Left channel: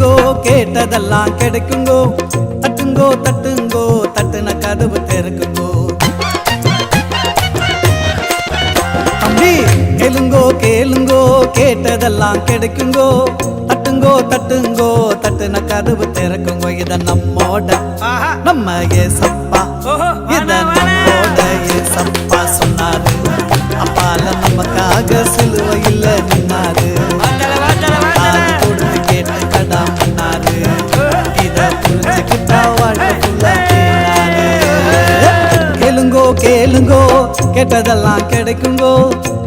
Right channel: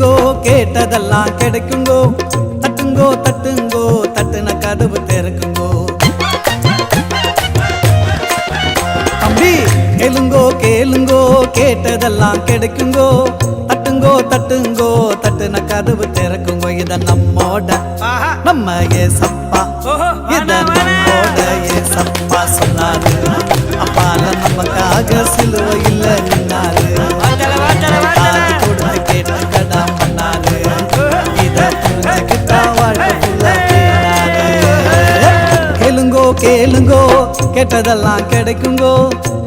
கேளுங்கோ கேட்டதெல்லாம் கிடைக்குங்கோ. தட்டுங்கோ தட்டுங்கோ தட்டுன கதவு திறக்குங்கோ. தம்பி கேளுங்கோ கேளுங்கோ கேட்டதெல்லாம் கிடைக்குங்கோ. தட்டுங்கோ தட்டுங்கோ தட்டுன கதவு திறக்குங்கோ. இத நம்மோட நம்ம ஏசப்பா, இத நம்மோட ஏசப்பா சொன்னாரு. அப்பால நமக்காக சிலுவையில் நின்னாரு. காது கொடுத்து கேட்டு கடா பண்ணாரு. இத புரிஞ்சுக்கிட்டா வாழ்க்கை ஃபுல்லா தேனாரு. கேளுங்கோ கேளுங்கோ கேட்டதெல்லாம் கிடைக்குங்கோ.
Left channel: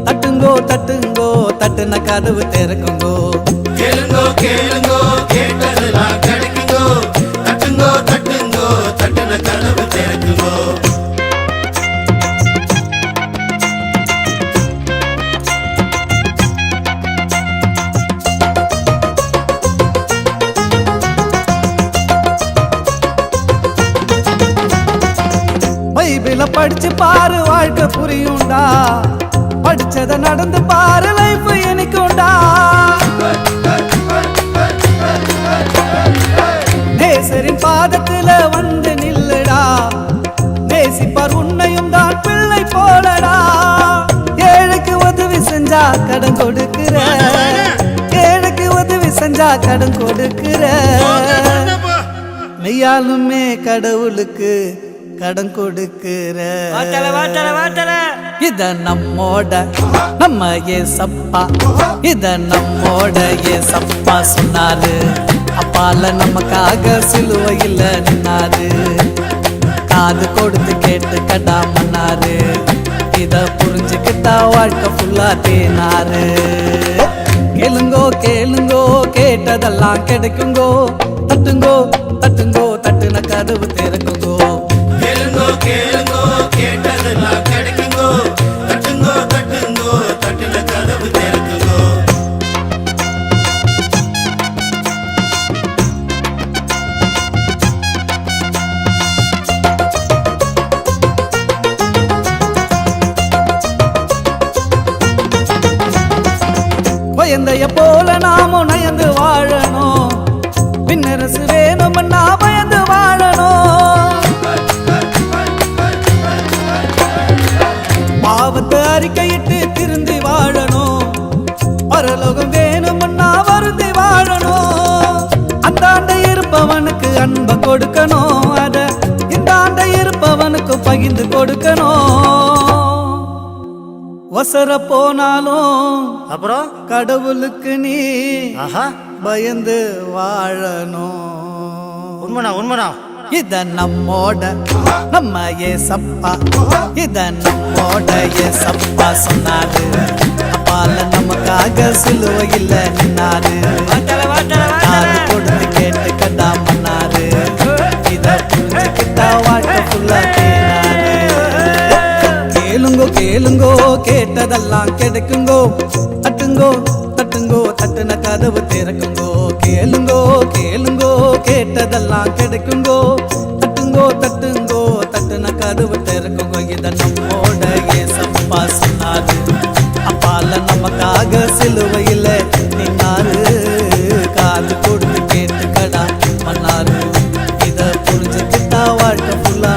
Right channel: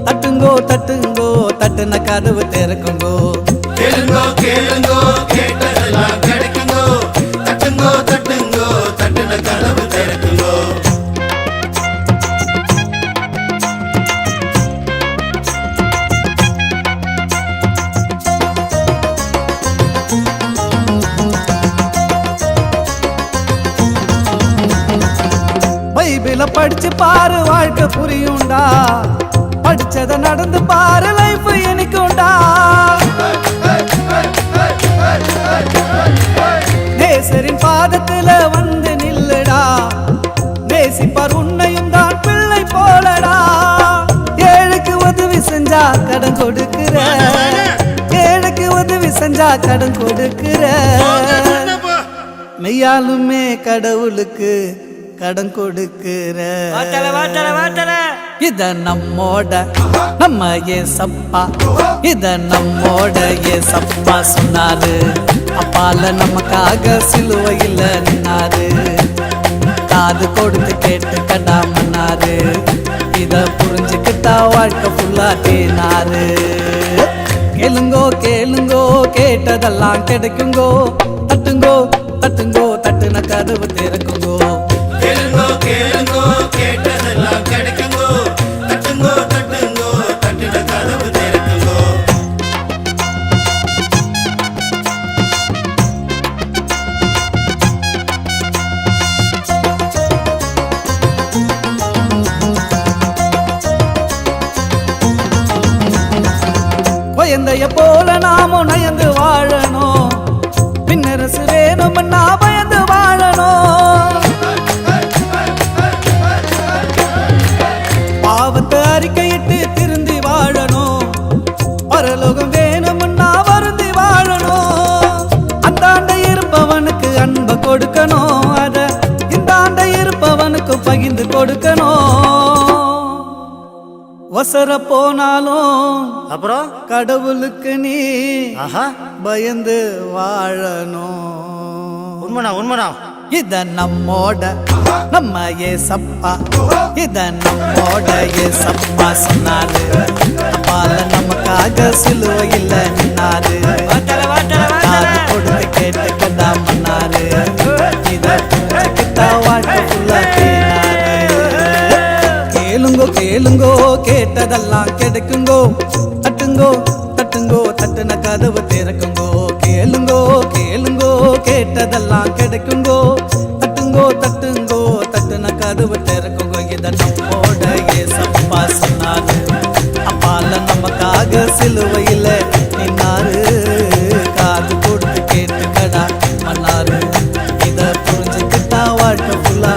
தட்டுங்கோ தட்டுங்கோ தட்டுன கதவு திறக்குங்கோ. கேளுங்கோ கேளுங்கோ கேட்டதெல்லாம் கிடைக்குங்கோ. தட்டுங்கோ தட்டுங்கோ தட்டுன கதவு திறக்குங்கோ. பைபிள படிச்சு பாரு வாழ்க்கை புரியும்டா. படிச்சத நடந்து பாரு லைஃப் எனக்குண்டா. நேசரின் பாதத்துல வந்து நில்லுடா. நேசிப்பார் உன்னையும் தான் பிள்ளை போலடா. ஏழைக்கு உதவி செஞ்சா கடன் கொடுக்கிற. ஏழைக்கு உதவி செஞ்சா கடன் கொடுக்கிற. மெய்யாலுமே கடவுளுக்கு கடன் கொடுக்கிற. இத நம்மோட நம்ம ஏசப்பா, இத நம்மோட ஏசப்பா சொன்னாரு. அப்பால நமக்காக சிலுவையில் நின்னாரு. காது கொடுத்து கேட்டு கடா மன்னாரு. இத புரிஞ்சுக்கிட்டா வாழ்க்கை ஃபுல்லா தேனாரு. கேளுங்கோ கேளுங்கோ கேட்டதெல்லாம் கிடைக்குங்கோ. தட்டுங்கோ தட்டுங்கோ தட்டுன கதவு திறக்குங்கோ. கேளுங்கோ கேளுங்கோ கேட்டதெல்லாம் கிடைக்குங்கோ. தட்டுங்கோ தட்டுங்கோ தட்டுன கதவு திறக்குங்கோ. பயந்தைய போல நாமும் நயந்து வாழணும். பின்னரசு வேணும்னா பயந்து வாழணும். பாவத்தை அறிக்கையிட்டு திருந்தி வாழணும். பரலோகம் வேணும்னா வருந்தி வாழணும். அந்த ஆண்டை இருப்பவனுக்கு அன்பை கொடுக்கணும். அத இந்த ஆண்டை இருப்பவனுக்கு பகிர்ந்து கொடுக்கணும். வசர போனாலும் அப்புறம் கடவுளுக்கு நீ பயந்து வாழணும். உண்மைனா உண்மைனா இத நம்மோட நம்ம ஏசப்பா, இத நம்மோட ஏசப்பா சொன்னாரு. அப்பால நமக்காக சிலுவையில் நின்னாரு. காது கொடுத்து கேட்டு கடா மன்னாரு. இத புரிஞ்சுக்கிட்டா வாழ்க்கை ஃபுல்லா தேனாரு. கேளுங்கோ கேளுங்கோ கேட்டதெல்லாம் கிடைக்குங்கோ. தட்டுங்கோ தட்டுங்கோ தட்டுன கதவு திறக்குங்கோ. கேளுங்கோ கேளுங்கோ கேட்டதெல்லாம் கிடைக்குங்கோ. தட்டுங்கோ தட்டுங்கோ தட்டுன கதவு திறக்குங்கோ. இத நம்மோட ஏசப்பா சொன்னாரு. அப்பால நமக்காக சிலுவையில் நின்னாரு. காது கொடுத்து கேட்டு கடா மன்னாரு. இத புரிஞ்சுக்கிட்டா வாழ்க்கை ஃபுல்லா